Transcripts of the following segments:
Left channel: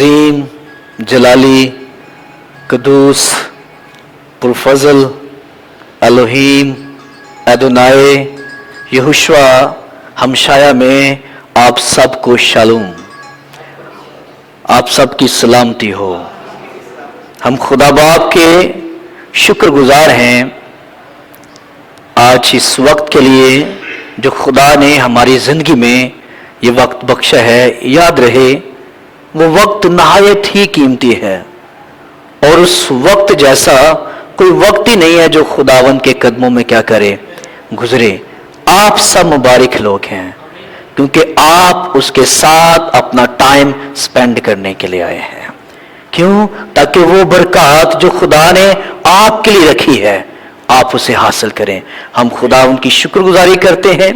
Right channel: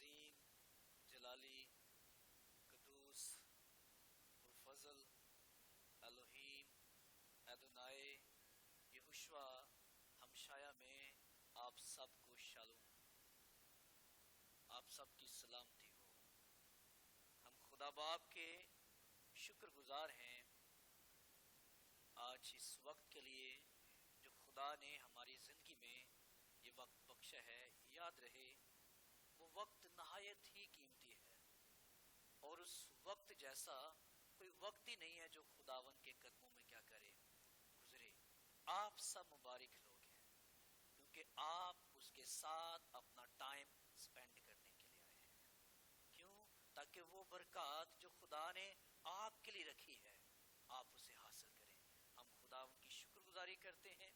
अजीम, जलाली, कदूस, पुरफजल, Elohim, एदोनाए, Yehoshua हमशाया में आप सबको शालूम, आप सबकी सलामती हो। हम खुदा बाप के शुक्रगुजार हैं आज इस वक्त के लिए जो खुदा ने हमारी ज़िंदगी में ये वक्त बख्शा है। याद रहे वो वक्त नहायत ही कीमती है और उस वक्त जैसा कोई वक्त ही नहीं है जो खुदावन के कदमों में क्या करे, गुजरे। आप सब मुबारक लोग हैं क्योंकि आप उसके साथ अपना टाइम स्पेंड करने के लिए आए हैं। क्यों? ताकि वो बरकत जो खुदा ने आपके लिए रखी है आप उसे हासिल करें। हम खुदा उनकी शुक्रगुजारी करते हैं।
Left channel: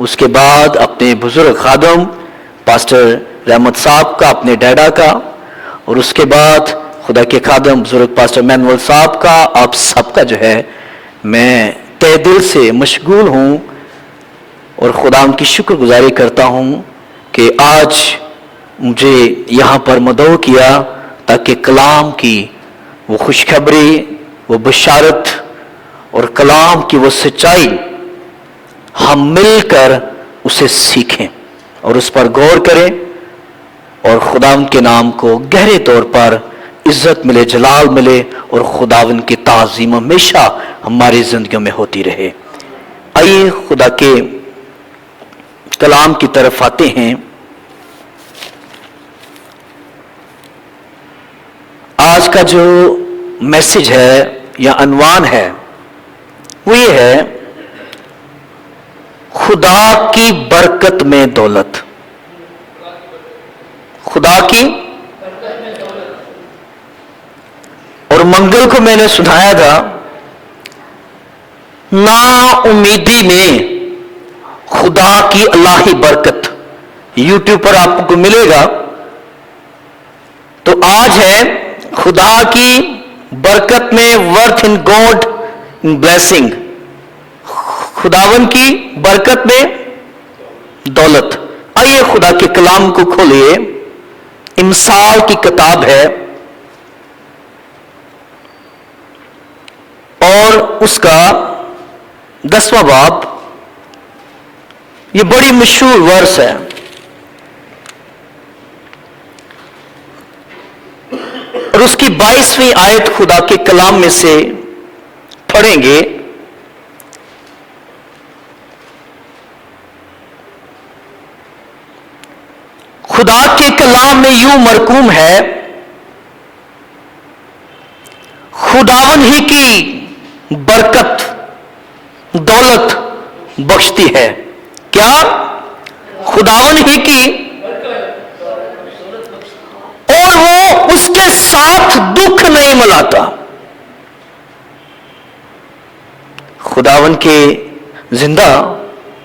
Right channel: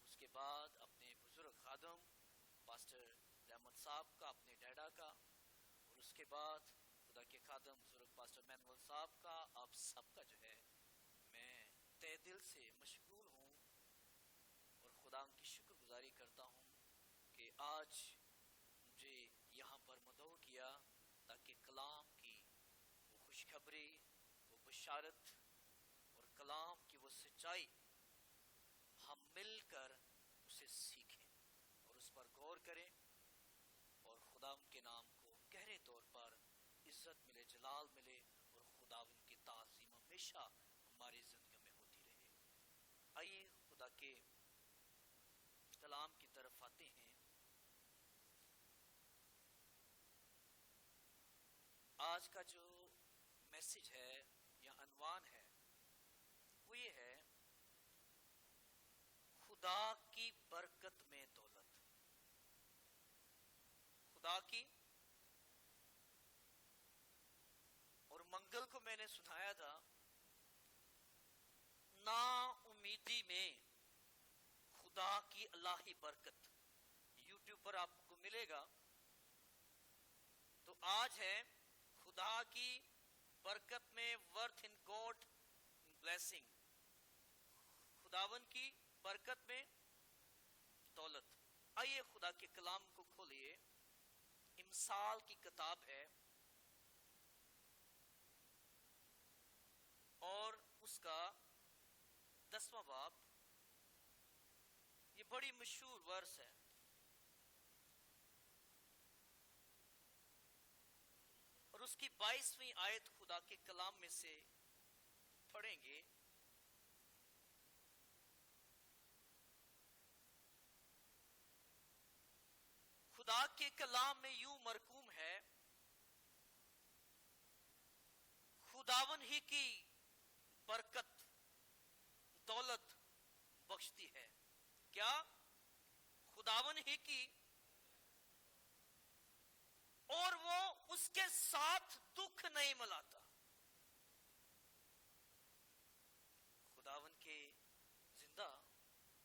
उसके बाद अपने बुजुर्ग खादम पास्टर रहमत साहब का, अपने डैडा का, और उसके बाद खुदा के खादम बुजुर्ग पास्टर मैनुअल साहब का, आप सबका जो है मैं तहे दिल से मशगूल हूँ और खुदा उनकी शुक्रगुजारी करता हूँ कि आज मुझे यहाँ पर मदऊ किया ताकि कलाम की वो खुशखबरी, वो बशारत और कलाम की वो सच्चाई हम मिलकर उसे सीखें और उस पर गौर करें और खुदावंद के नाम को गहरे तौर पर इज्जत मिले, जलाल मिले और खुदावंद की ताज़ीम हमेशा हमारी जिंदगियों में होती रहे। आइए खुदा के कलाम की तरफ आते हैं। आज का जो मैसेज है या अनवान है वो ये है, खुदा की बरकत में दौलत। खुदा की, और मंगल को मैंने सुनाया था ना उम्मीदी में खुदा की अल्लाही बरकत, यूट्यूब पर आपको मिलेगा। तो आज है खुदा की बरकत में, worth in God in blessing, खुदावन की बरकत में दौलत। आइए खुदा के कलाम को खोलिए। इमसाल की किताब है और उसका 10वां बाब, ये बड़ी मशहूर वर्स है। और उसकी 22वीं आयत खुदा के कलाम में से पढ़ेंगे। खुदा के कलाम में यूं मरकूम है, खुदावन ही की बरकत दौलत बख्शती है। क्या? खुदावन ही की, और वो उसके साथ दुख नहीं मिलाता। खुदावन के जिंदा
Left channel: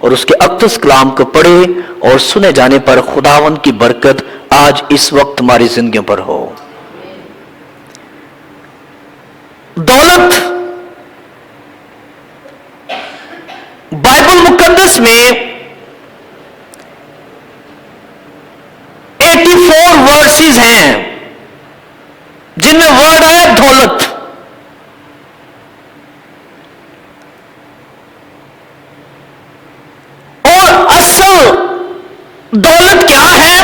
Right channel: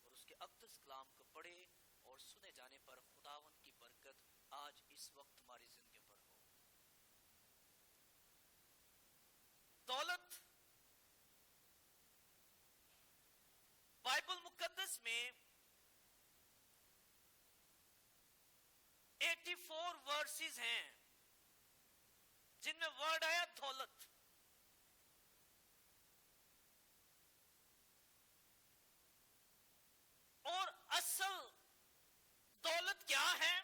और उसके अक़दस कलाम को पढ़े और सुने जाने पर खुदावन की बरकत आज इस वक्त हमारी जिंदगियों पर हो। दौलत बाइबल मुकद्दस में 84 वर्सेस हैं जिनमें वर्ड आया दौलत। और असल दौलत क्या है,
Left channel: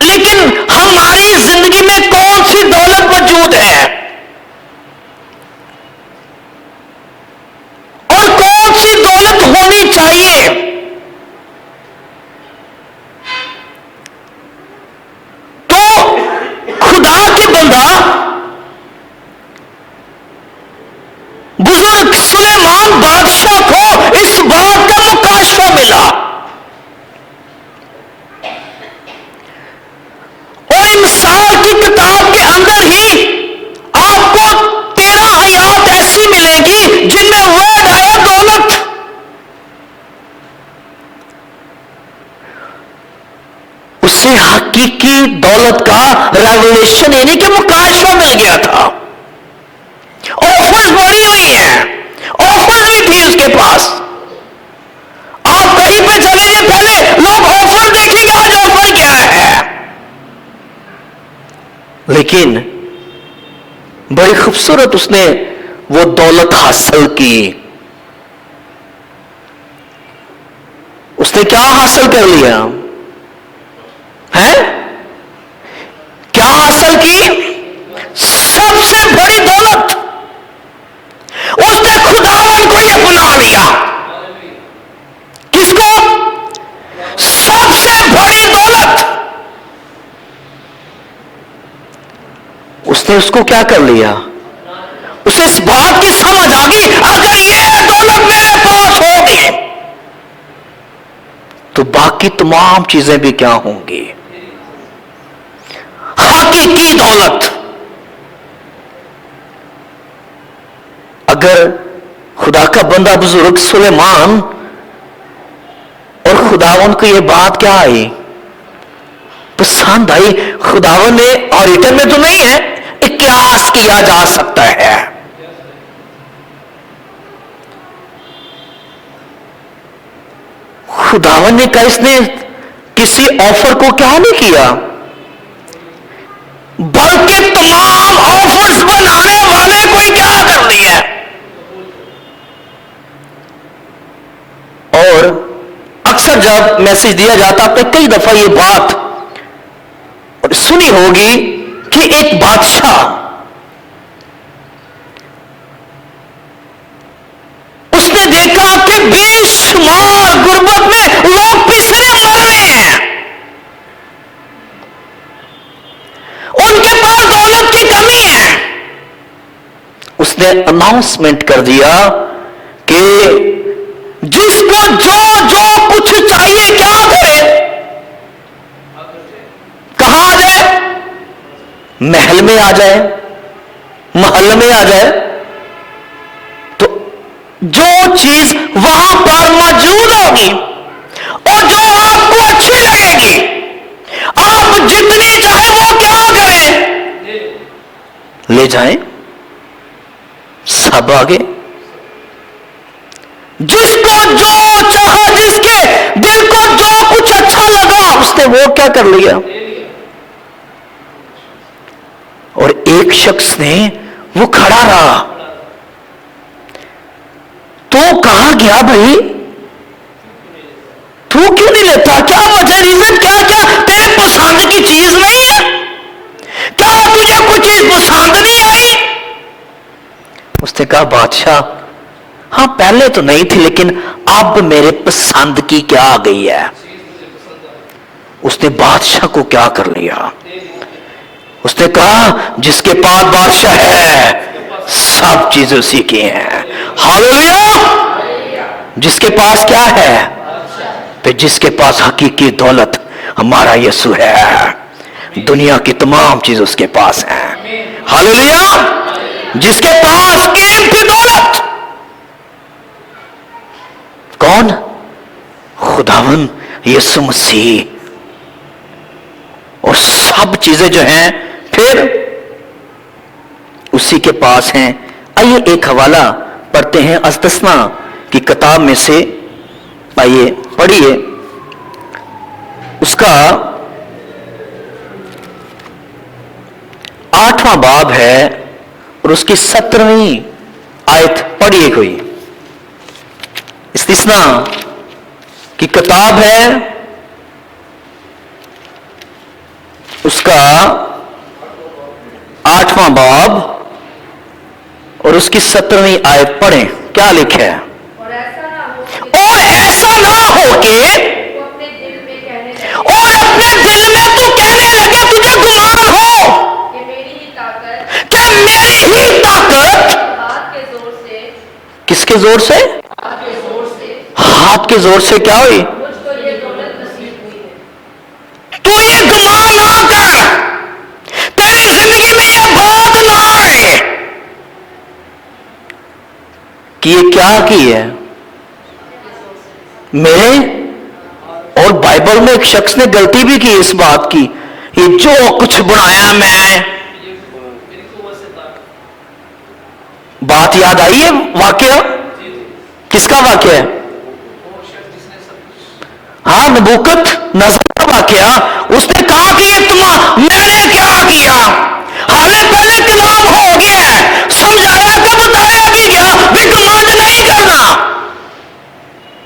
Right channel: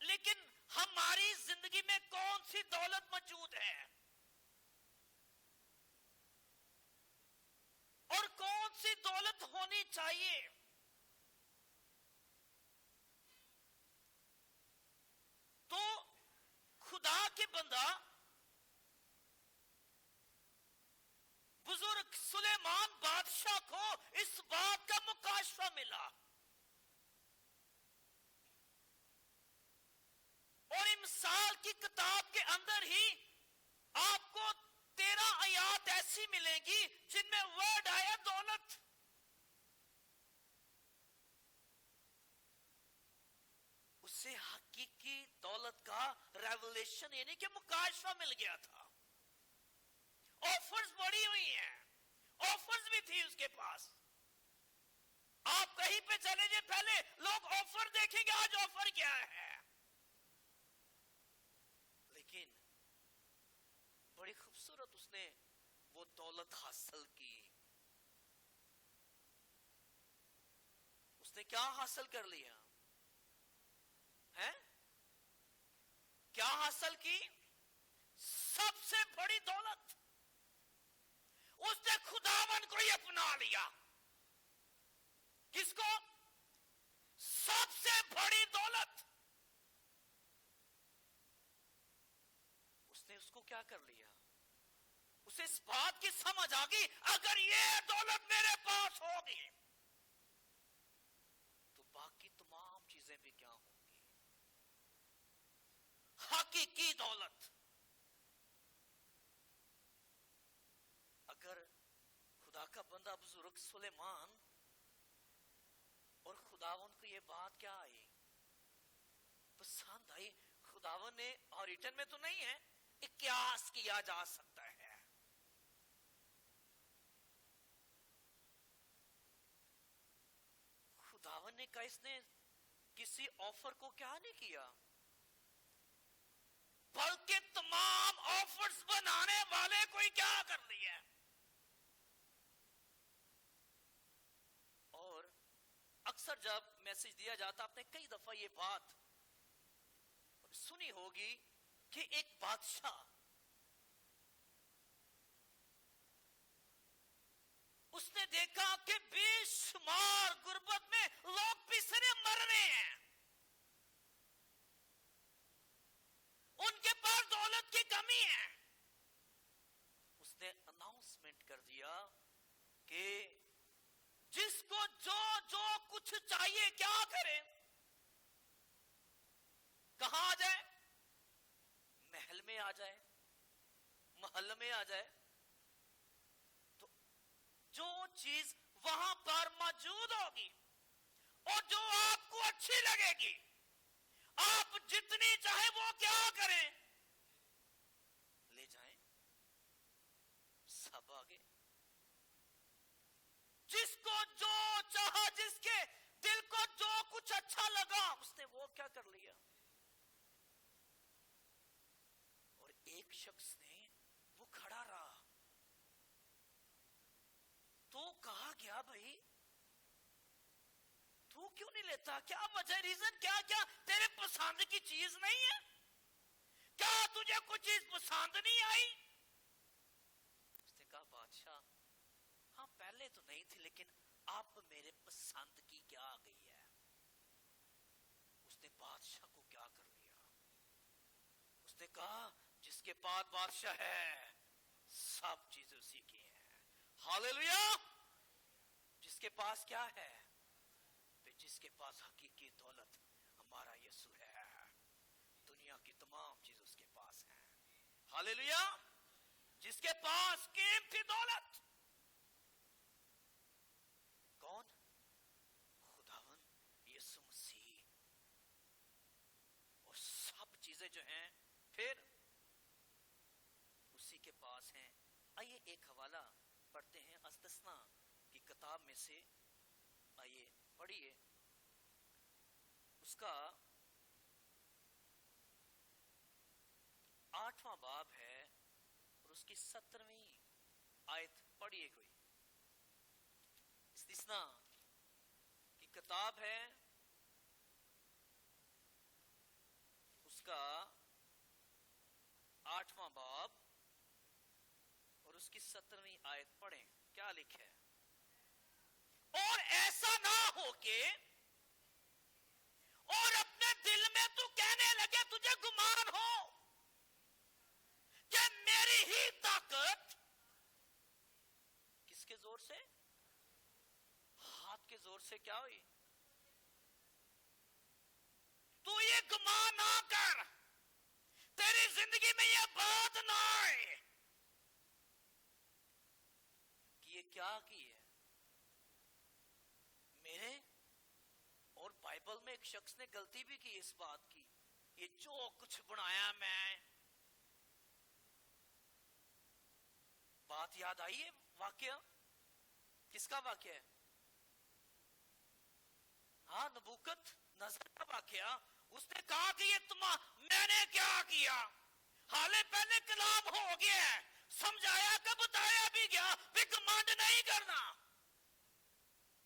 लेकिन हमारी जिंदगी में कौन सी दौलत मौजूद है और कौन सी दौलत होनी चाहिए। तो खुदा के बंदा बुजुर्ग सुलेमान बादशाह को इस बात का मुकाशफा मिला और इमसाल की किताब के अंदर ही आपको 13 आयत ऐसी मिलेगी जिनमें वर्ड आया दौलत। उससे हकीकी दौलत का रेवलेशन यानी कि मुकाशफा मिल गया था। ऑफर्स बढ़ी हुई हैं, ऑफर्स भी थी उसके पास। आप कहीं पे चले जाए, पहले लोग ऑफर देखेंगे, आज ऑफर لیکن بڑی خوبصورت اس نے وہ دولت حاصل کی. اس نے کیا حاصل کر لیا ہے؟ کیا حاصل کی؟ سب سے بڑی دولت. اس نے خداوند کو یہ اپنا لیا. کس کو؟ سب سے بڑی دولت. اس نے اس کو کیا کر لیا؟ اسے اس بات کی سمجھ آ گئی اگر یہ دولت میرے پاس ہوگی تو باقی تمام چیزیں بھی کیا ہوں گی؟ حقیقی دولت. اگر خدا کا بندہ بزرگ سلیمان اور خداوند کو یہ بات کیا آئی؟ پسند آئی. خداوند نے اور ریٹن میں تو نہیں ہے، قیاس کیا جا سکتا ہے. خداوند نے کہا، اس نے کسی آفر کو کیا نہیں کیا بلکہ تمام آفرز بنانے والے کو ہی کیا کر دیا. اور اکثر جب میسج دیا جاتا آپ نے کئی دفعہ یہ بات اور سنی ہوگی کہ ایک بادشاہ اس نے دیکھا کہ بے شمار غربت میں لوگ پسرے مر رہے ہیں، ان کے پاس دولت کی کمی ہے. اس نے اناؤنسمنٹ کر دیا کہ جس کو جو جو کچھ چاہیے کیا کرے، کہاں آ جائے؟ محل میں آ جائے، محل میں آ جائے. تو جو چیز وہاں پر موجود ہوگی اور جو آپ کو اچھی لگے گی آپ جتنی چاہے وہ کیا کریں، لے جائیں. سب آگے جس کو جو چاہا، جس کے دل کو جو کچھ اچھا لگا اس نے وہ کیا کر لیا. اور ایک شخص نے وہ کھڑا رہا. تو کہا گیا بھائی تو کیوں نہیں لیتا؟ کیا وجہ، ریزن کیا؟ کیا تیرے پسند کی چیز نہیں ہے؟ کیا تجھے کوئی چیز پسند نہیں آئی؟ اس نے کہا بادشاہ ہاں پہلے تو نہیں تھی لیکن اب میرے پسند کی کیا آ گئی ہے. اس نے بادشاہ کو کیا کر لیا؟ اس نے کہا جس کے پاس بادشاہ ہے سب چیزیں اسی کی ہیں. ہاللیلویا. جس کے پاس کیا ہے؟ پھر جس کے پاس حقیقی دولت ہمارا یسوع ہے، دنیا کی تمام چیز اس کے پاس ہیں. ہاللیلویا. جس کے پاس قیمتی دولت کون؟ خداوند یسوع مسیح. اور سب چیزیں جو ہیں پھر اسی کے پاس ہیں. آئیے ایک حوالہ پڑھتے ہیں استثنا کی کتاب میں سے. آئیے پڑھیے، اس کا 8واں باب ہے اور اس کی 17ویں آیت پڑھیے. کوئی استثنا کی کتاب ہے، اس کا 8واں باب اور اس کی 17ویں آیت پڑھیں. کیا لکھا ہے؟ اور ایسا نہ ہو کہ اور اپنے دل میں تو کہنے لگے، تجھے گمان ہو کہ میری ہی طاقت کس کے زور سے؟ ہاتھ کے زور سے کیا ہوئی؟ تو یہ گمان نہ کر، تیری زندگی میں یہ بات نہ آئے کہ یہ کیا کی ہے میرے. اور بائبل میں ایک شخص نے غلطی بھی کی اس بات کی، یہ جو کچھ بنایا میں. بات یاد آئی ہے واقعہ؟ کس کا واقعہ ہے؟ ہاں نبوکت نظر کا واقعہ. اس نے کہا کہ یہ میں نے کیا کیا؟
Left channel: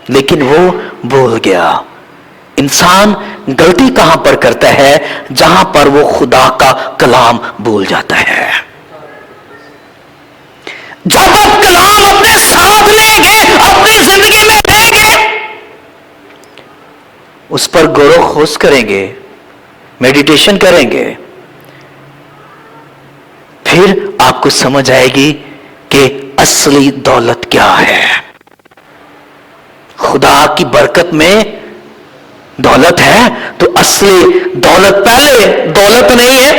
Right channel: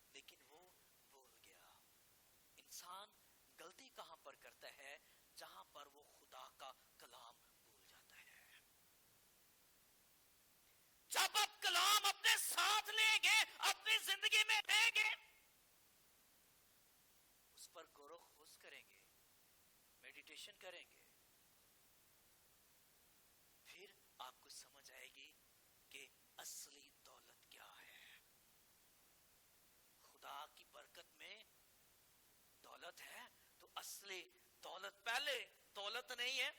لیکن وہ بھول گیا۔ انسان غلطی کہاں پر کرتا ہے؟ جہاں پر وہ خدا کا کلام بھول جاتا ہے۔ جب آپ کلام اپنے ساتھ لیں گے، اپنی زندگی میں لیں گے، اس پر غور و خوض کریں گے، میڈیٹیشن کریں گے، پھر آپ کو سمجھ آئے گی کہ اصلی دولت کیا ہے۔ خدا کی برکت میں دولت ہے تو اصلی دولت پہلے دولت نہیں ہے،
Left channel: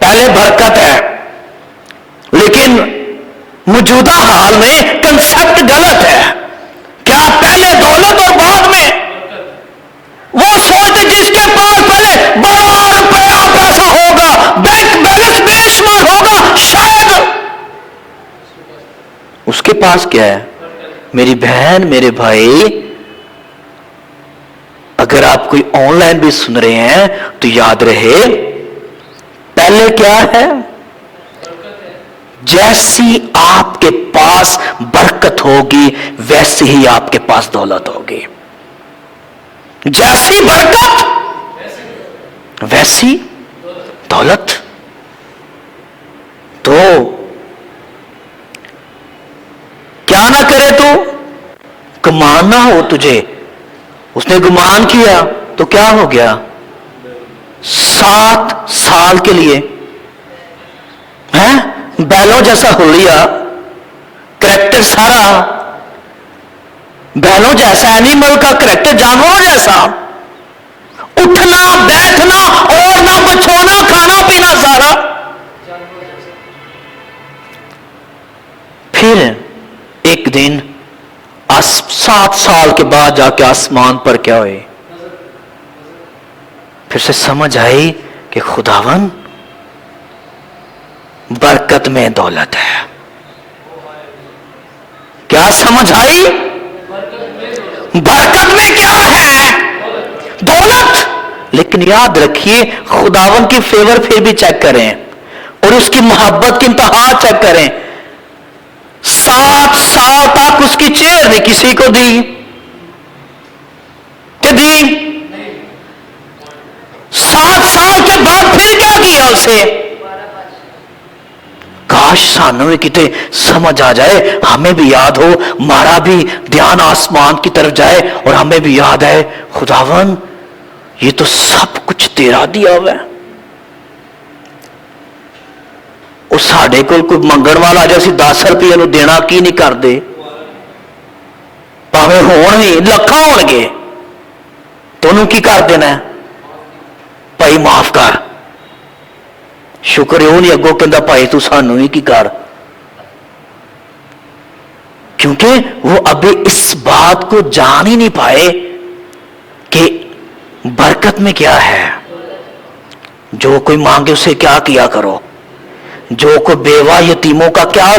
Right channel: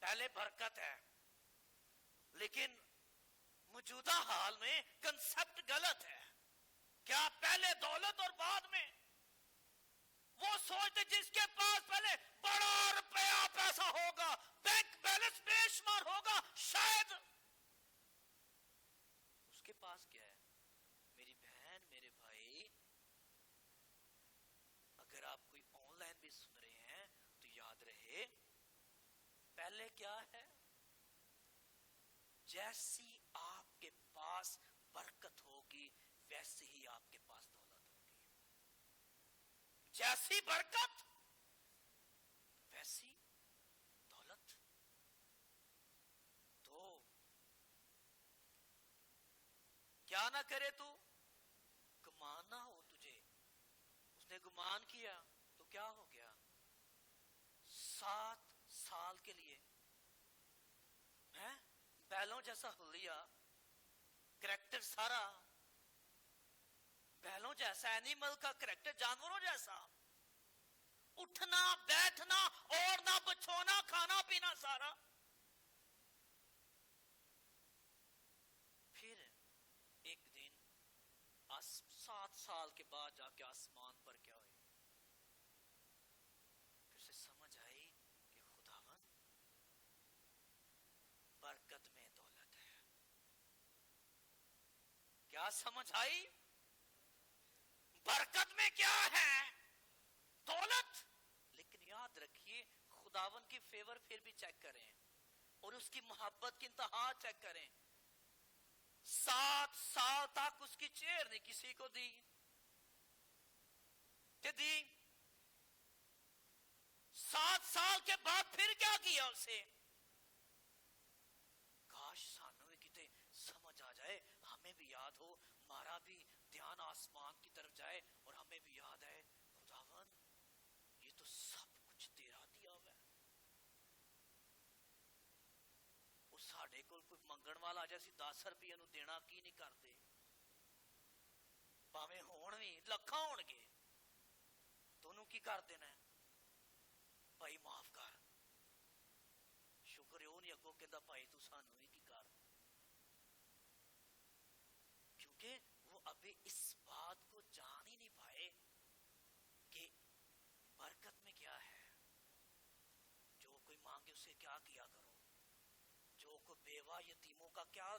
پہلے برکت ہے۔ لیکن موجودہ حال میں کنسپٹ غلط ہے۔ کیا پہلے دولت اور بعد میں؟ وہ سوچتے جس کے پاس پہلے بڑا روپیہ پیسہ ہوگا، بینک بیلنس بے شمار ہوگا، شاید اس کے پاس کیا ہے؟ میری بہن، میرے بھائی، اگر آپ کوئی آن لائن بھی سن رہے ہیں تو یاد رہے پہلے کیا ہے؟ جیسی آپ کے پاس برکت ہوگی ویسی ہی آپ کے پاس دولت ہوگی۔ جیسی برکت ویسی دولت۔ تو کیا نہ کرے تو گمان نہ ہو تجھے۔ اس نے گمان کیا تو کیا ہو گیا؟ 7 سال کے لیے بیلوں جیسا ہو لیا، کریکٹر سارا بیلوں جیسا، اینیمل کا کریکٹر، جانوروں جیسا، اٹھنا بیٹھنا اور نہ بچھونا، کھانا پینا سارا۔ پھر ایک دن 7 سال کے بعد جا کے آسمان پر کیا ہوئے؟ پھر سے سمجھ آئی کہ خداون برکت میں دولت ہے۔ کیا سمجھ آئی؟ برکت میں کیا ہے؟ دولت۔ لیکن یاد رکھیے خداون کی فیور پھر بھی چیک کریں اور اس کی محبت کی انتہا چیک کریں۔ 7 سال تک اس کی چیئر نہیں کسی کو دی کہ دی؟ 7 سال کے بعد پھر کیا کیا اسے؟ کاش سانوں میں کتے سمجھ آ جائے، ہمیں بھی یاد ہو، ہمارا بھی دھیان آسمان کی طرف جائے اور ہمیں بھی یاد آئے خداون یہ تو سب کچھ تیرا دیا ہوا ہے۔ وہ ساڈے کول کوئی منگن والا جے اسی 10 روپئے نو دینا کی نہیں کر دے، پاویں ہون ہی لکھاں ہون گے تو انہوں کی کر دینا ہے؟ بھائی معاف کر۔ شکر ہے نہیں اگوں کہندا بھائی تو سانوں ہی کی کر، کیونکہ وہ ابھی اس بات کو جان ہی نہیں پائے کہ برکت میں کیا ہے۔ جو کوئی مانگے اسے کیا کیا کرو، جو کوئی بیوہ یتیموں کا کیا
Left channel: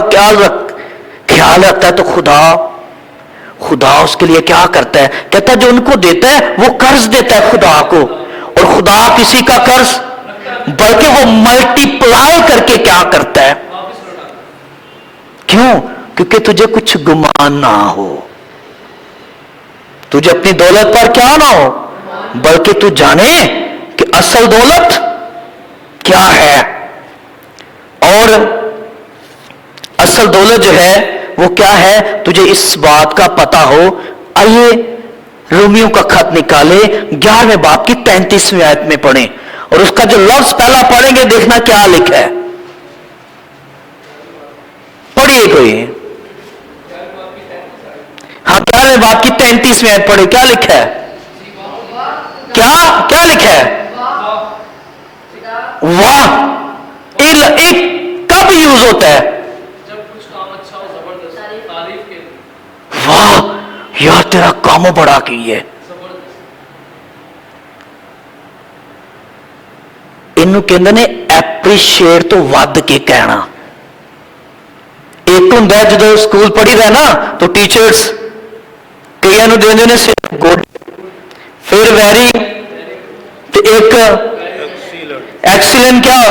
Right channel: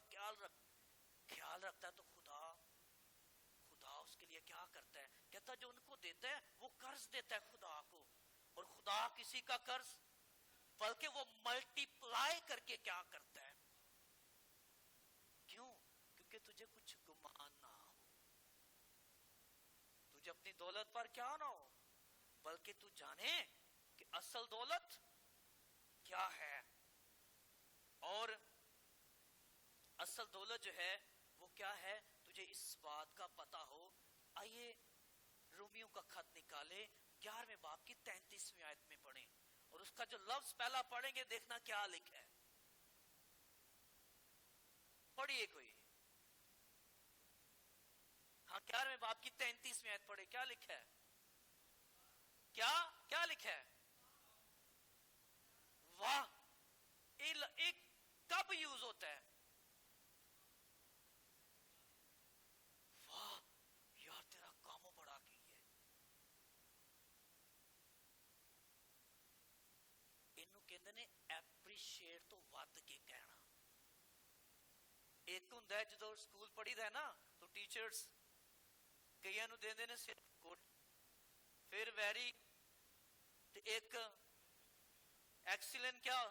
خیال رکھتا ہے تو خدا اس کے لیے کیا کرتا ہے؟ کہتا ہے جو ان کو دیتا ہے وہ قرض دیتا ہے خدا کو، اور خدا کسی کا قرض بلکہ وہ ملٹی پلائی کر کے کیا کرتا ہے؟ کیوں؟ کیونکہ تجھے کچھ گمان نہ ہو، تجھے اپنی دولت پر کیا نہ ہو، بلکہ تو جانے کہ اصل دولت کیا ہے۔ اور اصل دولت جو ہے وہ کیا ہے تجھے اس بات کا پتہ ہو۔ آئیے رومیوں کا خط نکالے 11ویں باب کی 33ویں آیت میں پڑھیں، اور اس کا جو لفظ پہلا پڑھیں گے دیکھنا کیا لکھا ہے۔ پڑھیے کوئی، ہاں 11ویں باب کی 33ویں آیت پڑھے، کیا لکھا ہے؟ کیا لکھا ہے؟ واہ۔ ایک کب یوز ہوتا ہے؟ واہ یار تیرا کام بڑا کی ہے۔ انہوں کہندے نے اپریشیٹ تو ود کے کہنا۔ ایک ہوں جدو اسکول پڑھی رہا نا تو ٹیچرز کئی نو دیندے نے صرف گڈ، پھر ویری، تو ایک ایکسیلنٹ، کیا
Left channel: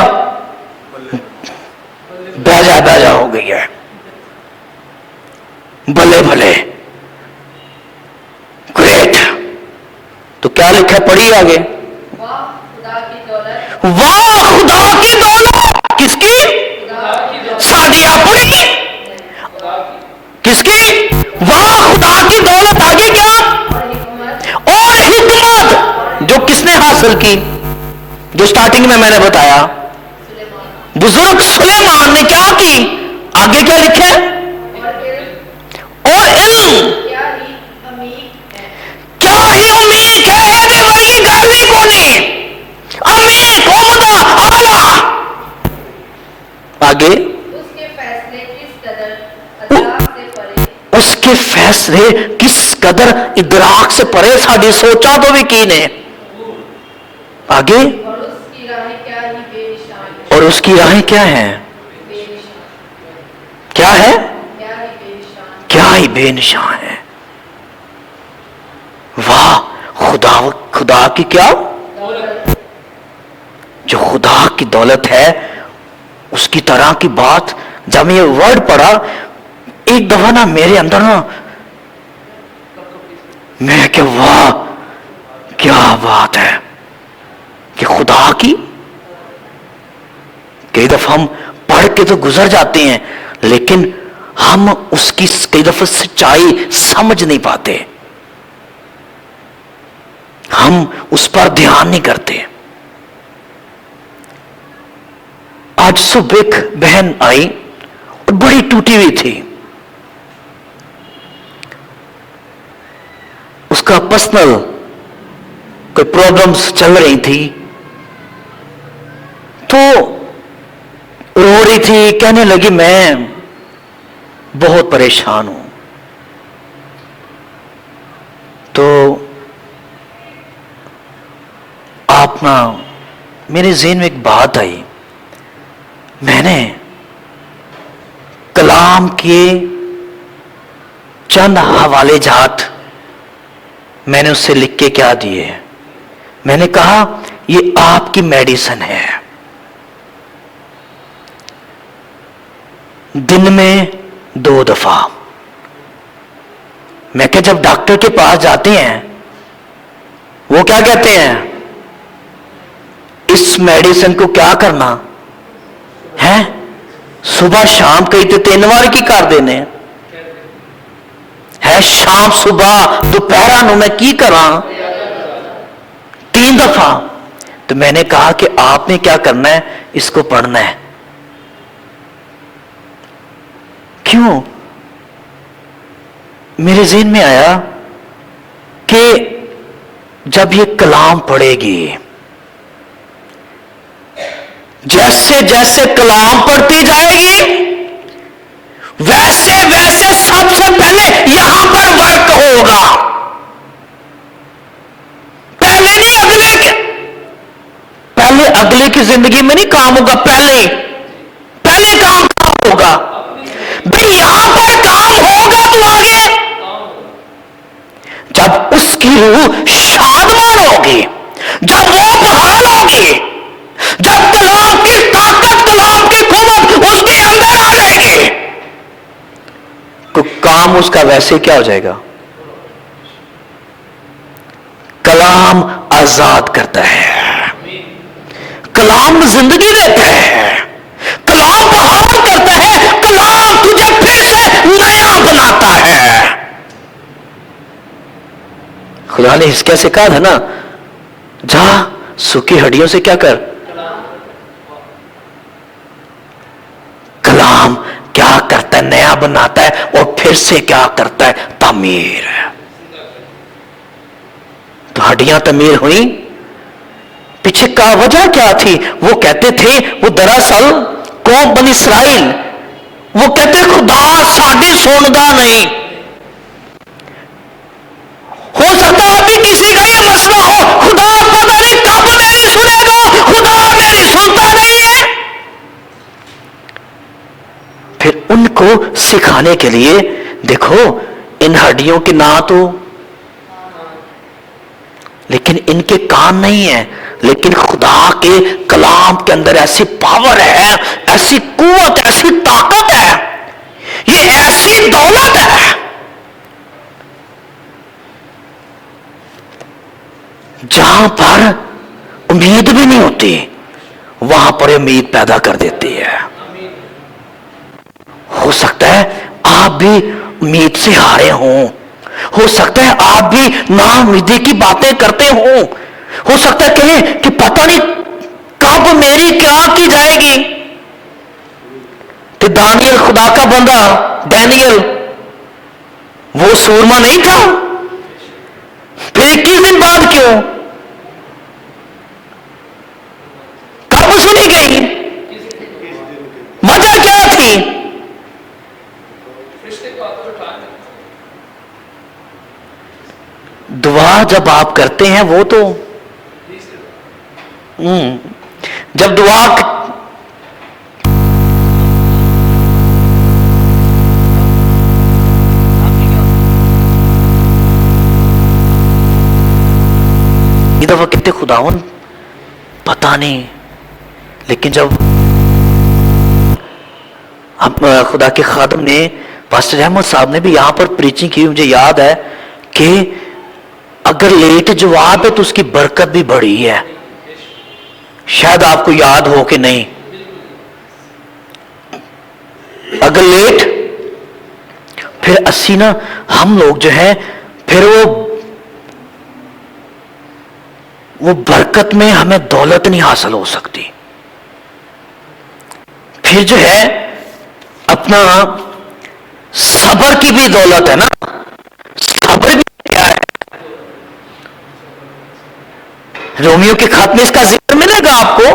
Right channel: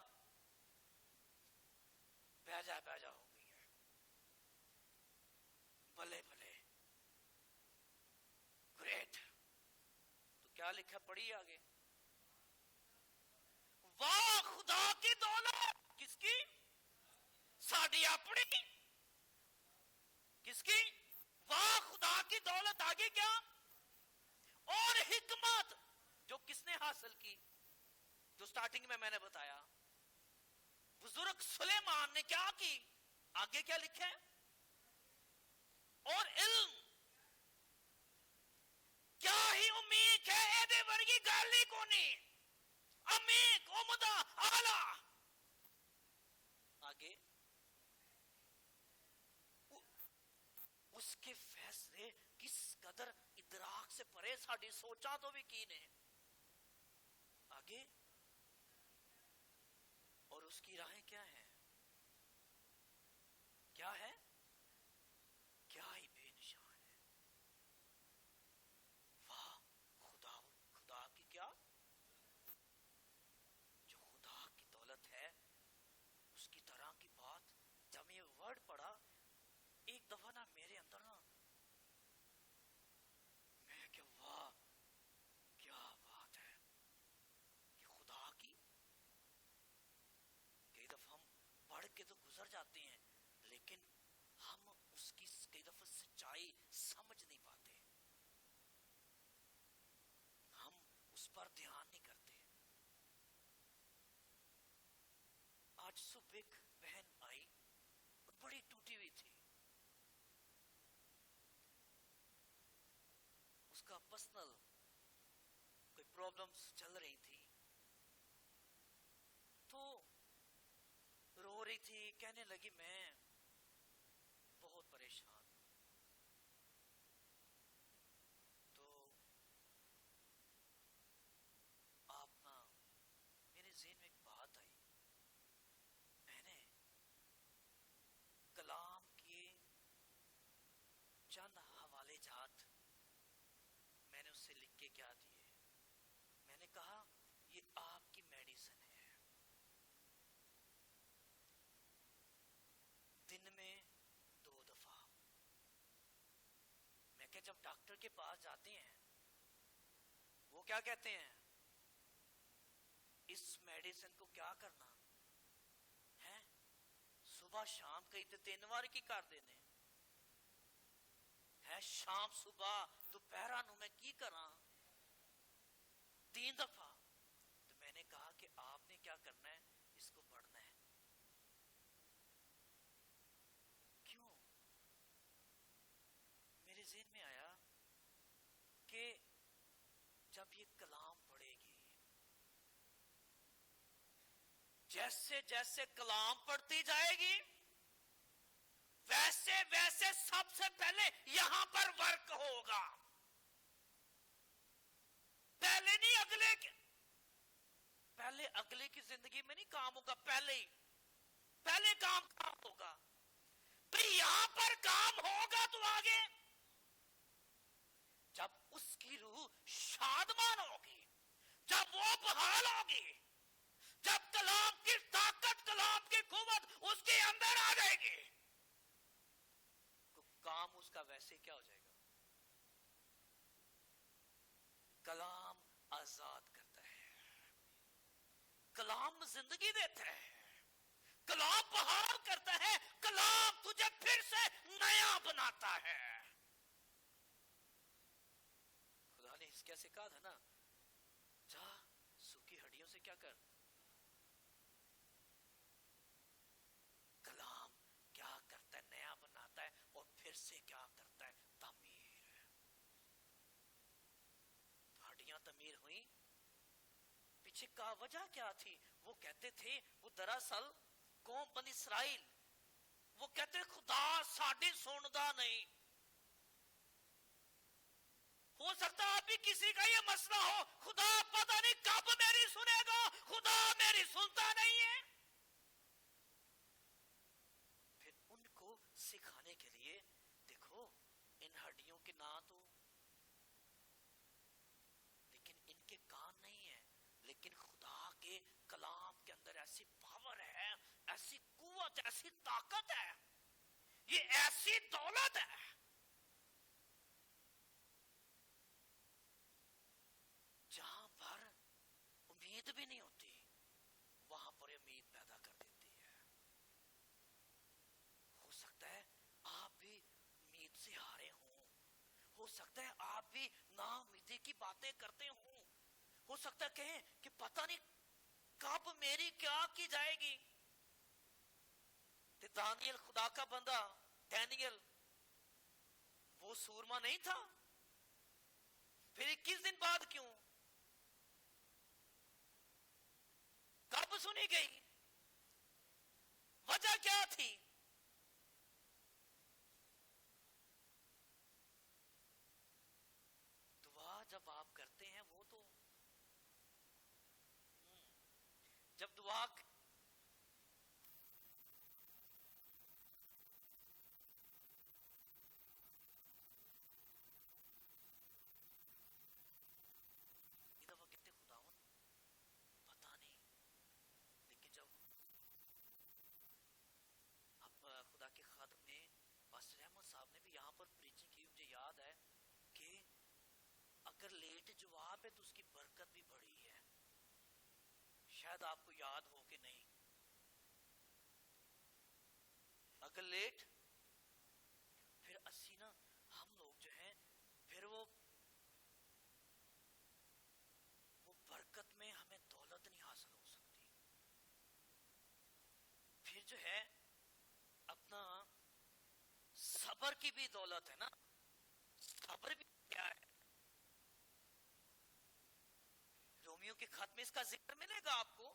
بھیجا ہو گئی ہے، بھلے بھلے۔ क्या लिखा है, पढ़िए आगे। वाह खुदा की दौलत, किसकी? साड़ी अपनी, किसकी? वाह खुदा की दौलत, आगे क्या? और हिकमत जो किसने हासिल की, जो स्टार्टिंग में मैंने बताया, बुजुर्ग सुलेमान ने क्या की। आगे क्या लिखे? और इल्म, क्या ही उम्मीद है ਇਹਦੇ ਵਰਗੀ ਗੱਲ ਹੀ ਕੋਨੀ, अमीर उम्दा आला। आगे उसके फैसले किस कदर इदराक से परे, उसके फैसले किस कदर इदराक से परे, साड़ी सोचा तो भी की ने। आगे और उसकी राहें क्या ही बेनिशान, और उसकी राहें क्या हैं? बेनिशान, क्या है? क्या ही बेनिशान। क्या ही बेनिशान है। वाह खुदा, खुदा की क्या, जो खुदा की दौलत है उसकी तरह की बात। जब मैं ये वर्ड पढ़ा एक दफा ना मेरे अंदर ना, मैं क्या, वाह क्या बात है कि खुदा की। कई दफा हम पढ़ के तो गुजर जाते हैं, लेकिन हम उसकी कई दफा सच्चाई समझ नहीं पाते, हम उस पर ध्यान नहीं करते। आज सुबह एक बहन आई और बड़ी टूटी हुई थी, उसका पर्सनल कोई प्रॉब्लम्स चल रही थी, तो रो रही थी, कहने लगी मैं बहुत परेशान हूं। तो आप ना, मेरे ज़हन में एक बात आई, मैंने कलाम के चंद हवाले जात मैंने उससे लिख के क्या दिए। मैंने कहा ये आपकी मेडिसिन है, दिन में 2 दफा। मैं क्या, जब डॉक्टर के पास जाते हैं वो क्या कहते हैं, इस मेडिसिन को क्या करना है, सुबह शाम कई तो 3 बार की कर देने है, शाम सुबह दोपहर नु मैं की करा 3 दफा। तो मैंने कहा कि आपने क्या करना है, इसको पढ़ना है। क्यों? मेरे ज़हन में आया कि जब ये कलाम पढ़ेगी, जैसे जैसे कलाम पढ़ती जाएगी वैसे वैसे सबसे पहले यहां पर वर्क होगा, पहले नहीं अगले के, पहले अगले की जिंदगी में नहीं काम होगा, पहले काम होगा भाई, यहां पर काम होगा तो आगे जब उसकी रूह शादमान होगी, जब वो बहाल होगी, जब कलाम की ताकत, कलाम की कुव्वत उसके अंदर आ जाएगी, तो काम उसका वैसे क्या हो जाएगा। कलाम आजाद करता है, कलाम जिंदगी देता है, कलाम बहाल करता है, कलाम तुझे फिर से नया बनाता है। खुदा ने हिस्किय्याह से कहा था ना, जा सूखी हड्डियों से क्या कर, कलाम क्या करता है, नया बनाता है, और फिर से क्या करता है, तामीर। तो हड्डियां तामीर हुई, पीछे का वजह क्या थी, वो कहते थे, वो दरअसल कौम बनी इसराइल, वो कहते खुदा साड़ी सुनदा नहीं। हो सकता है अभी किसी का ये मसला हो, खुदा पता नहीं कब मेरी सुनेगा, खुदा मेरी सुनता नहीं है। फिर उनको सिखाने के लिए, देखो इन हड्डियों के ना तो, लेकिन इनके कान नहीं है, लेकिन खुदा के कलाम के अंदर ऐसी पावर है, ऐसी कुव्वत, ऐसी ताकत है, ये ऐसी दौलत है जहां पर उम्मीद भी नहीं होती वहां पर उम्मीद पैदा कर देती है। हो सकता है आप भी उम्मीद से हारे हों, हो सकता है आप भी नाउम्मीदी की बातें करते हो सकता है कहें कि पता नहीं कब मेरी क्या की जाएगी। तो दानियल, खुदा का बंदा डैनियल, वो सूरमा नहीं था? फिर 21 दिन बाद क्यों? कब सुनी गई? वजह क्या थी? दुआ जब आप करते हैं वो तो जब दुआ दफा कहते खुदावन पता नहीं, लेकिन जब खुदा के खादम ने, पास्टर अहमद साहब ने भी यहां पर प्रीचिंग की, मुझे याद है कि अगर लेट जवाब है तो उसकी बरकत भी बड़ी है। शायद आपको याद हो कि नहीं, अगर लेट फिर अस्सी ना हम लोग जो है फिर वो बरकत में हमें दौलत नहीं हासिल हो सकती। फिर जो है अपना सब्र की भी दौलत है ना, सब्र भी क्या है? रोमियो के खत में इसका जिक्र मिलेगा आपको,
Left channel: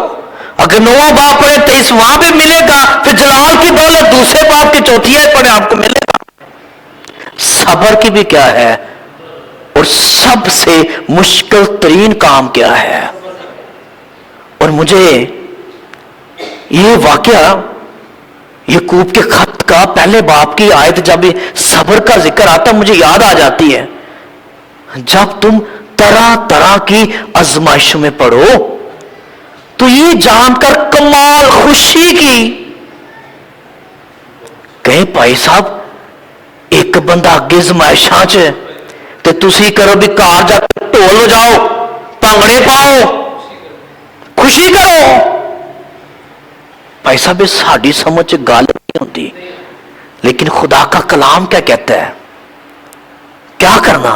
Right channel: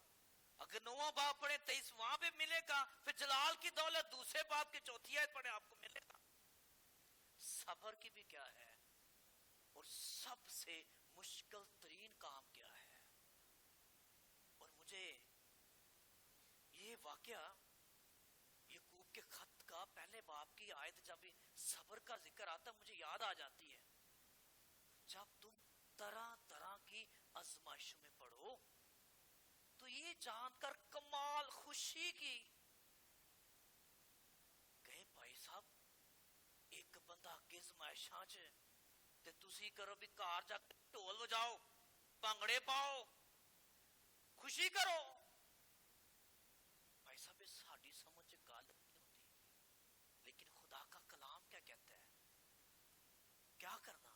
अगर 9वां बाब पढ़े 23 वहां पे मिलेगा, फिर जलाल की दौलत दूसरे बाब के चौथिया पढ़े आपको मिलेगा। सब्र की भी क्या है, और सबसे मुश्किल तरीन काम क्या है। और मुझे ये वाकया याकूब के खत का पहले बाब की आयत जब सब्र का जिक्र आता मुझे याद आ जाती है। जब तुम तरह तरह की आजमाइशों में पड़ो तो ये जानकर कमाल खुशी की, कहे भाई साहब एक बंदा अगे आजमाइशां च ते तुसी करो भी कार जाकर ढोल बजाओ, भंगड़े पाओ, खुशी करो। भाई साहब ये साड़ी समझ च गल नहीं होती, लेकिन खुदा का कलाम क्या कहता है, क्या करना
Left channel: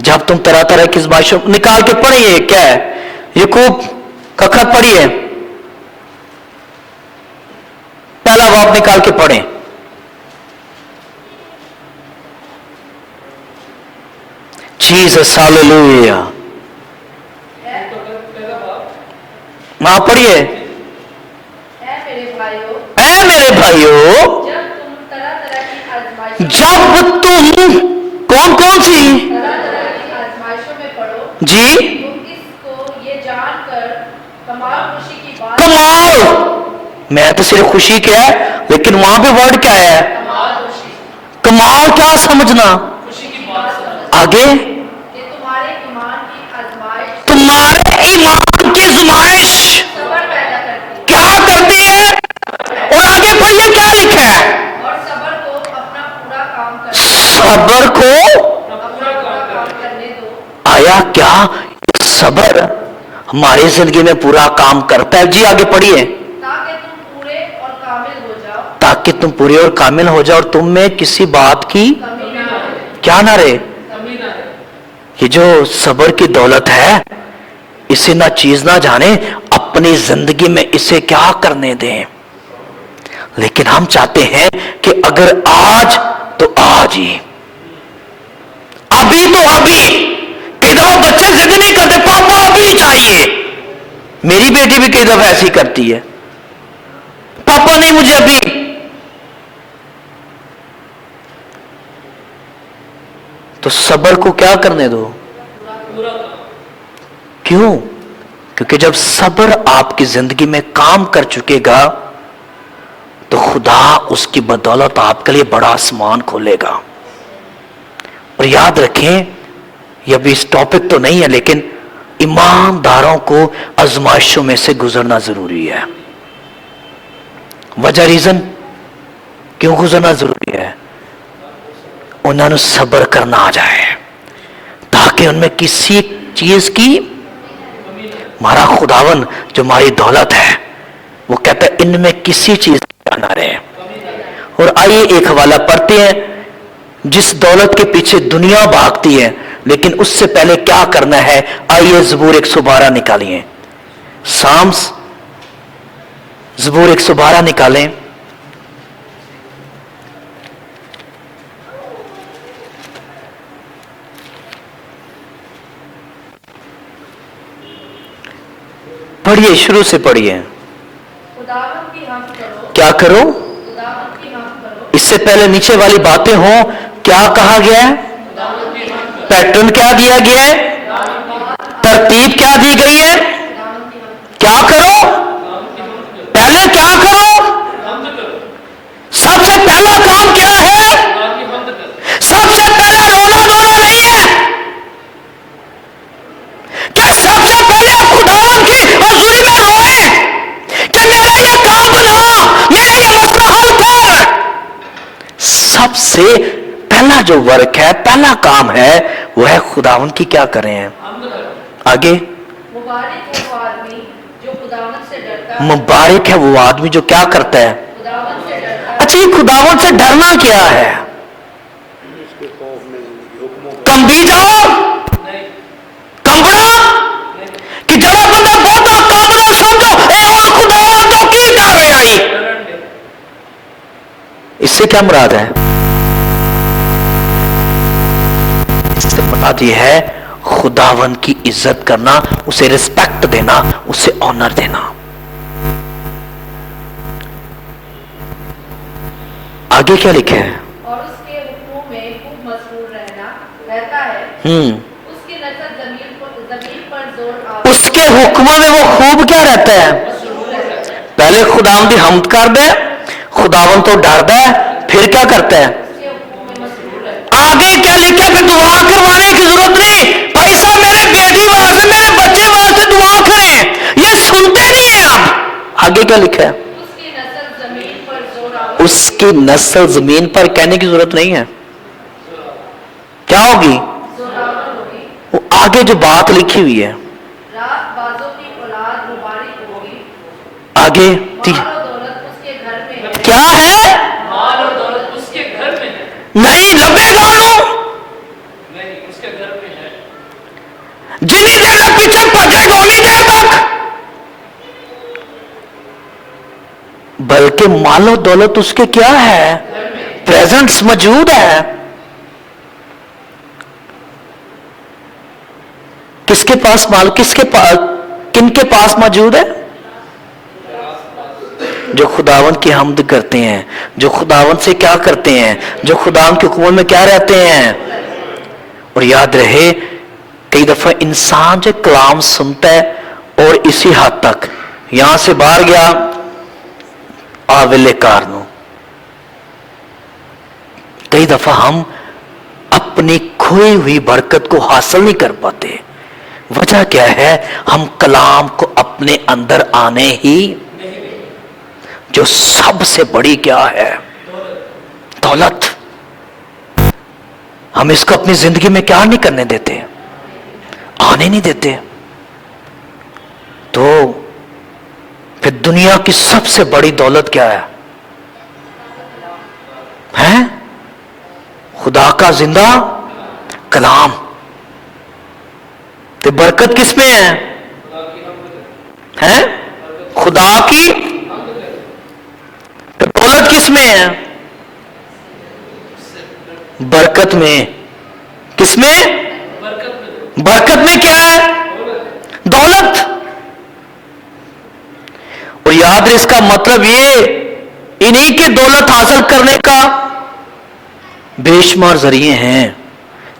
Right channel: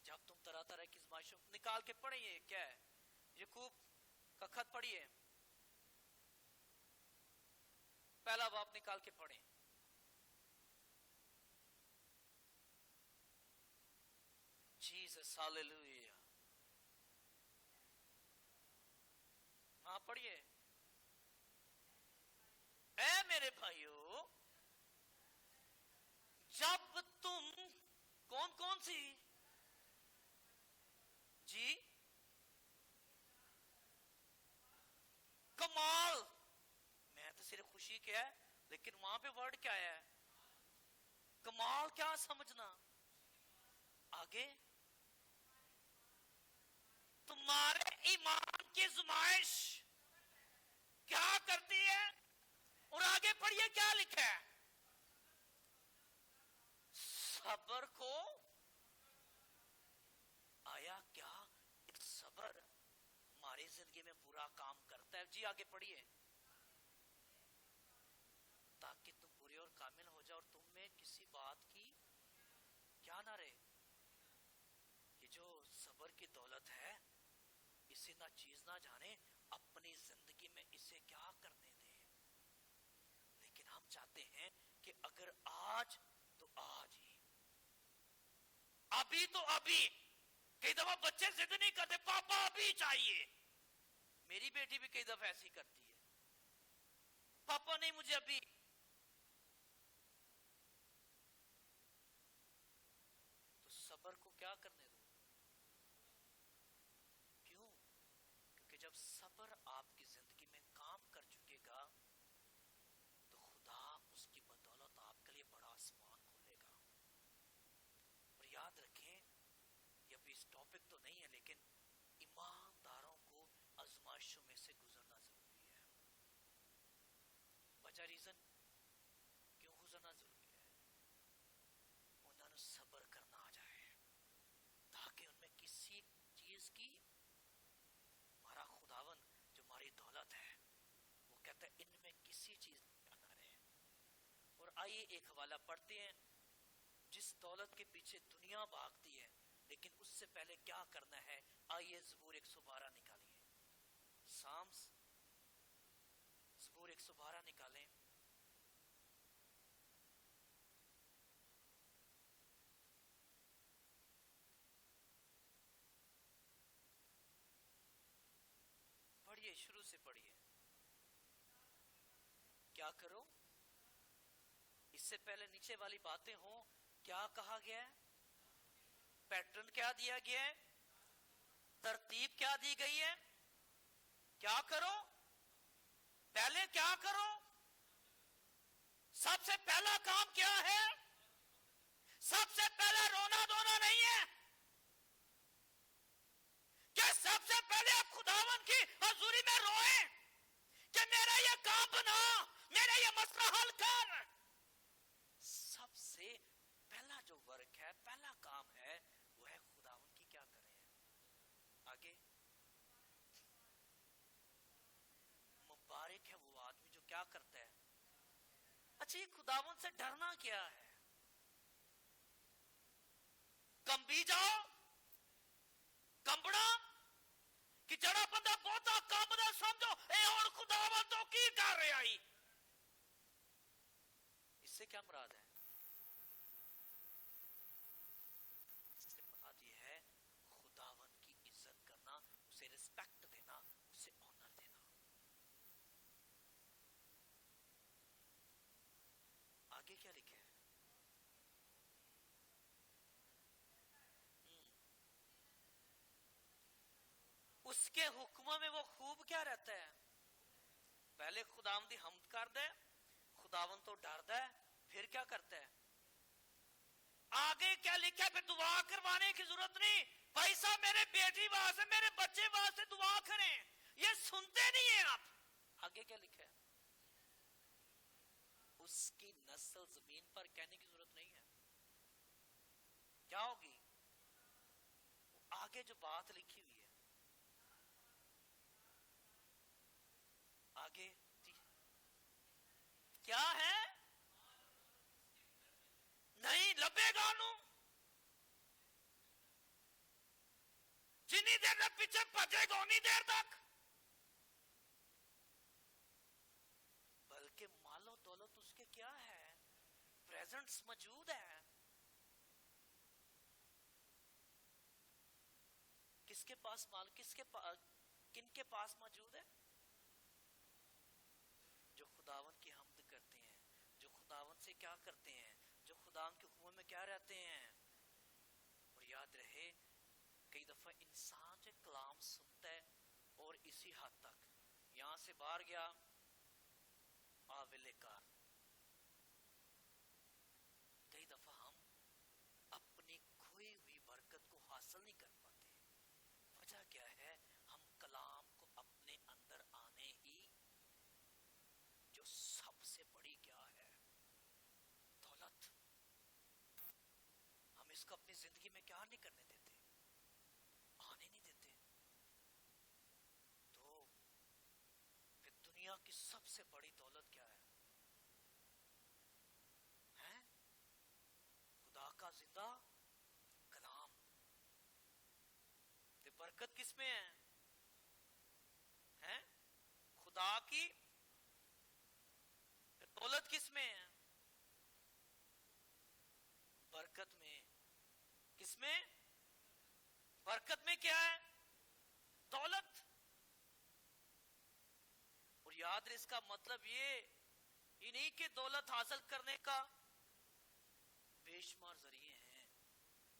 जब तुम तरह तरह की आजमाइशों, निकाल के पढ़िए क्या है, याकूब का खत पढ़िए, पहला बाब निकाल के पढ़ें। Jesus hallelujah. मां पढ़िए। ऐ मेरे भाइयों, जब तुम कौन कौन सी आजमाइशों में पड़ो जी तुम इसको ये जानकर कमाल खुशी की बात, कमाल, मैं तो सिर्फ खुशी क्या है, लेकिन वहां पे वर्ड क्या है, कमाल खुशी, कमाल क्या समझना, खुशी की बात समझ आगे कि तुम्हारे ईमान की आजमाइश तुम्हारे ईमान की आजमाइश सब्र पैदा करती क्या करती है, और आगे पढ़िए क्या लिखा है, है और सब्र को अपना पूरा काम करने सब्र को अपना पूरा काम करने दो, आया क्या सब्र हमारी जिंदगी में पूरा काम करता है। जी आगे पढ़िए। ताकि तुम पूरे और कामिल हो जाओ, ताकि तुम पूरे और कामिल हो जाओ और तुम में किसी बात की कमी ना रहे, क्या ना रहे। कमी ना रहे। ये जो सब्र की दौलत है इसे ना चीज ना जाने, अपनी जिंदगी में इसे क्या करने दें। लेकिन हम चाहते हैं कि अगर आज तो आज ही, अभी तो अभी। कई दफा बच्चे जिद नहीं करते, पापा अभी चाहिए। मेरी बेटी भी कई दफा ऐसी करती है, पापा नहीं मुझे अभी। तो सब्र को क्या करने दो, क्यों? क्योंकि जब सब्र आपकी जिंदगी में काम कर चुकेगा तो खुदा उसकी बदौलत आपके लिए बड़ा आसमान खोलेगा। और याद रखें, यह भी इस टॉपिक तो नहीं है, लेकिन ईमानदारों को आजमाइशों में से गुजरना जरूरी है। वजह रीजन क्यों गुजरना जरूरी है, उन्होंने सब्र करना आ जाए, ताकि उनमें किसी चीज की, हमारा खुदावन जो हमारी दौलत है, वो कहता है इनमें किसी चीज की ना रहे। और आइए एक हवाला पढ़ते हैं, जिस दौलत के पीछे दुनिया भागती है, लेकिन उससे पहले क्या करना है। आइए ज़बूर 112 निकालिए, साम्स ज़बूर 112 निकालें। पढ़िए, शुरू से पढ़िए। खुदावंद की हम्द करो, क्या करो? खुदावंद की हम्द करो, इससे पहले नीचे वाली बातें हो, क्या कहा गया है? पैटर्न क्या दिया गया है? तरतीब क्या दी गई है? क्या करो? पहले क्या करो? सबसे पहला काम क्या है? सबसे पहला रोना धोना नहीं है क्या? सबसे पहले आप खुदावन की हजूरी में रोए कि मेरा ये काम बना, मेरा ये मसला हल कर। सबसे पहला जो वर्क है, पहला काम है, वो है खुदावन की क्या करें हैं। आगे, मुबारक है वो आदमी जो खुदावंद से डरता है, मुबारक है वो आदमी जो क्या करता है। खुदावंद से डरता है। अच्छा, ये खुदावन से डरना क्या है? कम भी जाओ, कंबड़ा कि जरा बंदा बहुत कंबड़ा समझो, ए और खुदावन तो की कर रहे आई। इससे क्या मुराद है? इससे मुराद ये है खुदावन की इज्जत करना, उसे रिस्पेक्ट देना, उसे ऑनर देना। आगे क्या लिखे है? और उसके हुक्मों में खूब मसरूर रहता है, उसकी नजर जमीन पर जोर आवे, उसके हुक्म में वो खूब क्या रहता है? पहले खुदावन की हम्द कर दे, खुदावन तो डरता है, फिर क्या करता है? उसके हुक्मों में मसरूर रहता आगे क्या लिखा है? दुआ करवाने की जरूरत नहीं, पैसा मेरे बेटी वास्ते, मेरे बच्चे वास्ते दुआ करें, ये सुनते नहीं है आप। आगे क्या लिखा है? है। उसकी नस्ल जमीन पर जोर आवे, उसकी नस्ल जमीन पर कहने की जरूरत नहीं है, क्या होगी? जोरावर होगी। वो आगे जो बात लिखी हुई है, रात बाजों की औलाद मुबारक होगी, आगे माल और दौलत उसके घर में है, क्या है? माल और दौलत उसके घर में है, नहीं लबेगा नहीं उसके घर में है, जितनी देर तक पीछे भजेगा उतनी देर तक, बल्कि मालो दौलत उसके क्या है? प्रेजेंट्स मौजूद है। किसके पास माल, किसके पास, किनके पास मौजूद है? जो खुदावन की हम्द करते हैं, जो खुदावन से क्या करते हैं, जो खुदावन के हुक्म में क्या रहते हैं। और याद रहे, कई दफा इंसान जो कलाम सुनता है और इसी हद तक, यहां से बाहर गया आविले कारनों, कई दफा हम अपनी खोई हुई बरकत को हासिल नहीं कर पाते। वजह क्या है? हम कलाम को अपने अंदर आने ही, जो सबसे बड़ी क्या है? दौलत, हम इसको अपनी जिंदगी में क्या नहीं करने देते, आने नहीं देते। तो फिर दुनिया की सबसे बड़ी दौलत क्या है? हैं? खुदा का जिंदा कलाम। तो बरकत किस में है? हैं? खुदा की। तो दौलत किस में है? बरकत में। किस में? बरकत में क्या है? दौलत। और याद रहे, इसका मतलब ये इन्हीं के दौलत हासिल करने का बेशुमार जरिए हैं,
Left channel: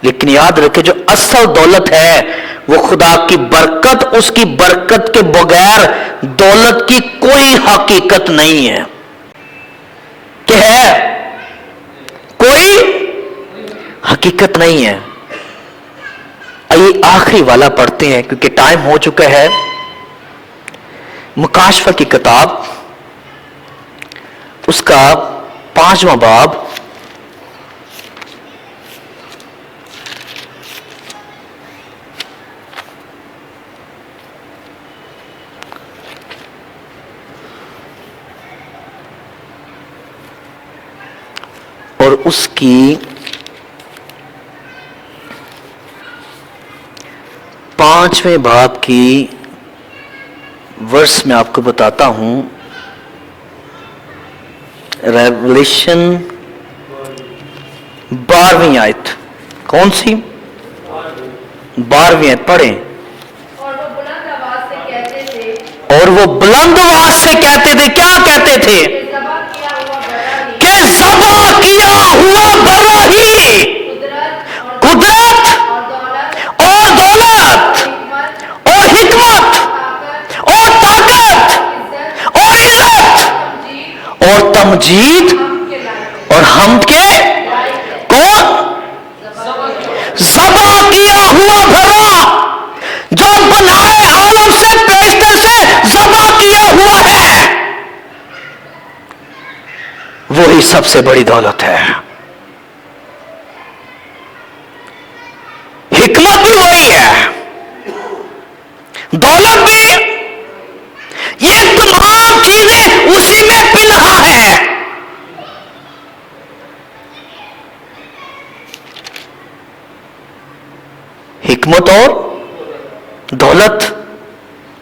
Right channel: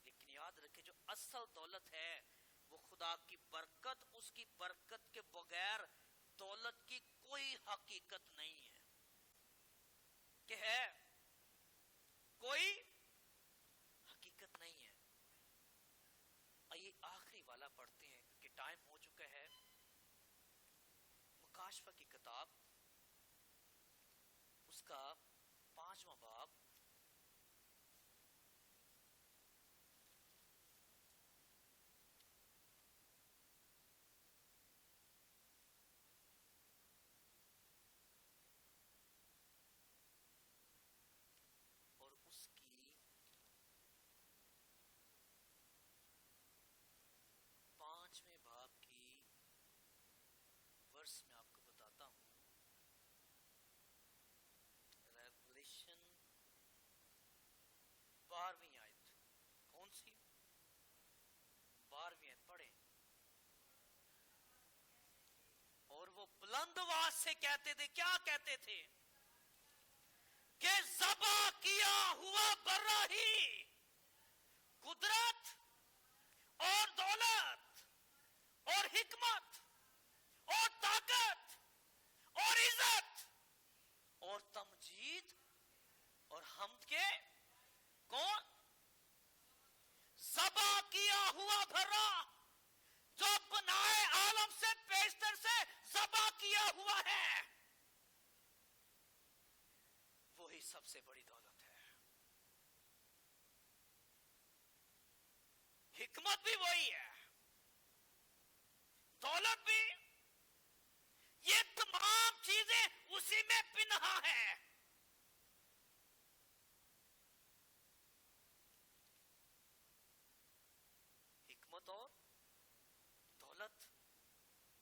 लेकिन याद रखे जो असल दौलत है वो खुदा की बरकत, उसकी बरकत के बगैर दौलत की कोई हकीकत नहीं है। क्या है? कोई हकीकत नहीं है। आइए आखिरी वाला पढ़ते हैं क्योंकि टाइम हो चुका है। मुकाशफा की किताब, उसका 5वां बाब, اس کی 5वें बाब की वर्ष में आपको बताता हूं। रेवलेशन 12वीं आयत, कौन सी? 12वीं आयत पढ़ें। और वो बुलंद आवाज से कहते थे, और वो बुलंद आवाज से कहते थे, क्या कहते थे? कि ज़बह किया हुआ बड़ा ही, कि ज़बा किया हुआ बड़ा ही कुदरत कुदरत और दौलत और दौलत हिकमत और हिकमत ताकत और ताकत इज्जत और इज्जत तमजीद और तमजीद हम के लायक और हमद के है। कौन? ज़बा किया हुआ भरा, जो बनाए आलम से पेशतर से ज़बा किया हुआ है, वही सबसे बड़ी दौलत है। हिकमत भी वही है, दौलत भी, ये तमाम चीजें उसी में पिन्हा है। हिकमत और दौलत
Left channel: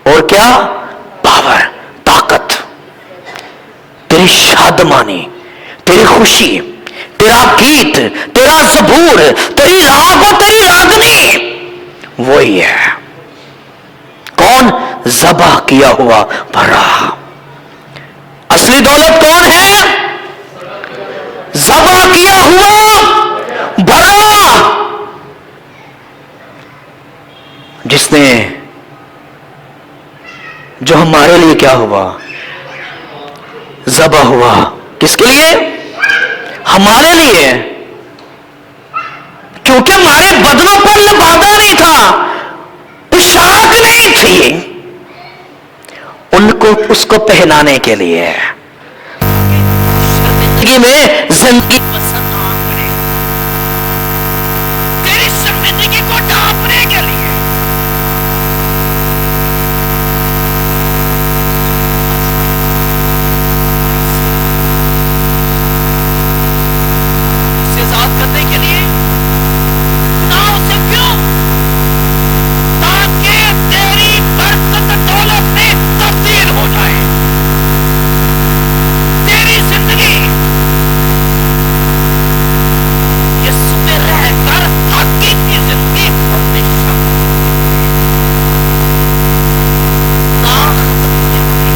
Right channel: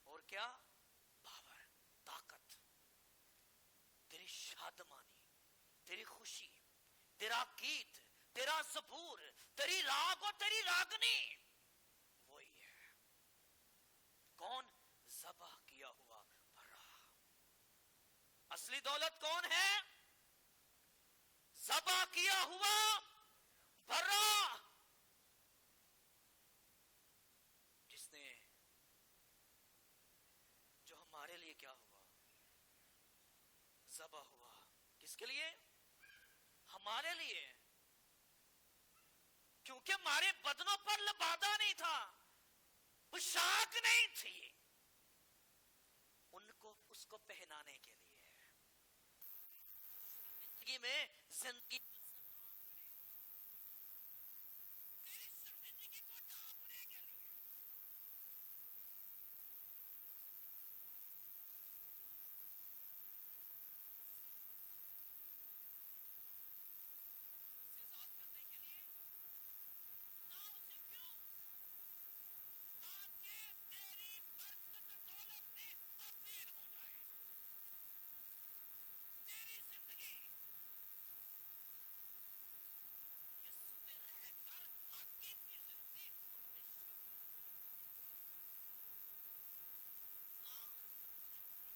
और क्या? पावर, ताकत, तेरी शादमानी, तेरी खुशी, तेरा गीत, तेरा ज़बूर, तेरी राग और तेरी रागनी, वही है। कौन? ज़बा किया हुआ भरा। असली दौलत कौन है? ज़बा किया हुआ भरा, जिसने, जो हमारे लिए क्या हुआ? ज़बा हुआ। किसके लिए? हमारे लिए। क्योंकि हमारे बदनों पर लबादा नहीं था, पोशाक नहीं थी, उनको उसको पहनाने के लिए, जिंदगी में जिंदगी पसंद ना करे, तेरी जिंदगी को ढांपने के लिए। करने के लिए गुनाहों से क्यों? ताकि तेरी बरकत दौलत में तब्दील हो जाए, तेरी जिंदगी यीशु में रहकर हकीकी जिंदगी हमेशा ना खत्म होने वाली।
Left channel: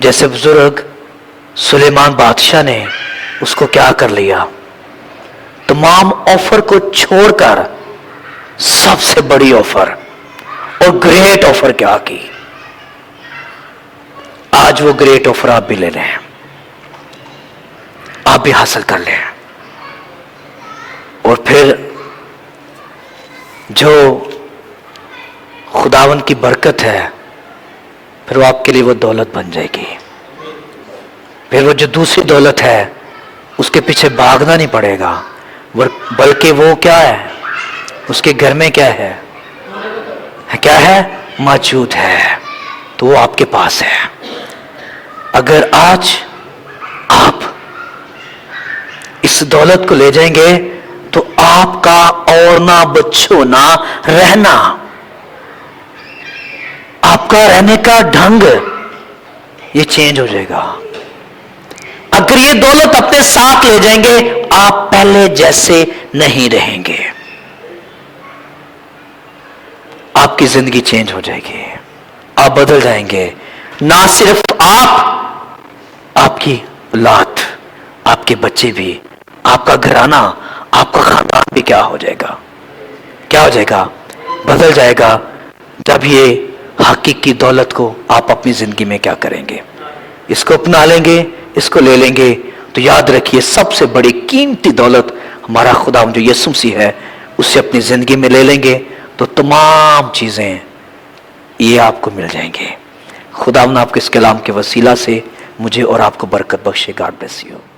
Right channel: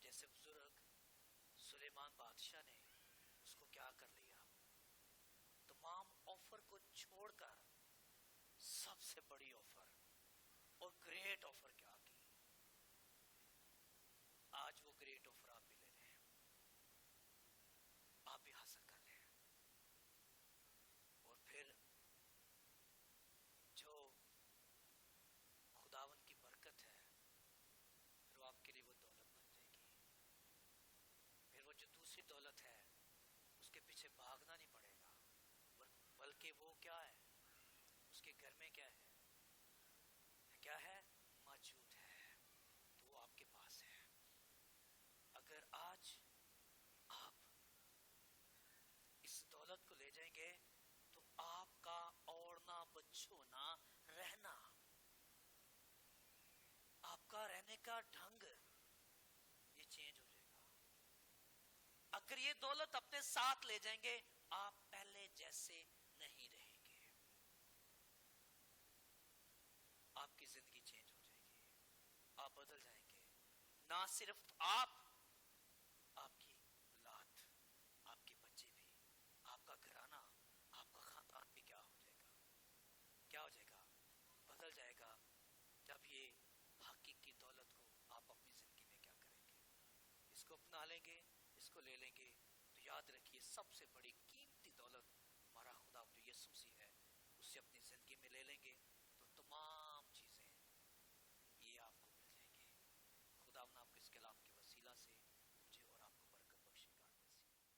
जैसे बुजुर्ग सुलेमान बादशाह ने उसको क्या कर लिया? तमाम ऑफर को छोड़कर सबसे बड़ी ऑफर और ग्रेट ऑफर क्या की? आज वो ग्रेट ऑफर आप भी ले लें, आप भी हासिल कर लें, और फिर जो खुदावन की बरकत है, फिर वो आपके लिए वो दौलत बन जाएगी। फिर वो जो दूसरी दौलत है उसके पीछे भागना नहीं पड़ेगा, बल्कि वो क्या है? उसके घर में क्या है? क्या है? मौजूद है, तो वो आपके पास है। अगर आज आप इस दौलत को ले जाएंगे तो आपका और ना बछोना रहना, आपका रहने का ढंग ये चेंज हो जाएगा। अगर ये दौलत अपने साथ ले जाएंगे, आप पहले जैसे नहीं रहेंगे, आपकी जिंदगी चेंज हो जाएगी, आप बदल जाएंगे। ना सिर्फ आप, आपकी औलाद, आपके बच्चे भी, आपका घराना, آپ کا خاندان بھی کیا ہو جائے گا، کیا ہو جائے گا، بدل جائے گا جب یہ حقیقی دولت کو آپ اپنی زندگی میں کیا کریں گے، اس کو اپنا لیں گے، اس کو لے لیں گے تو یاد رکھیے سب سے بڑی قیمتی دولت ہمارا خدا جو یسوع مسیح ہے اسے اپنی زندگی میں لے لیں گے تو تمام چیزیں یہ آپ کو مل جائیں گے۔ خدا آپ کو اس کلام کے وسیلہ سے مجھے اور آپ کو برکت بخشے۔ God bless you.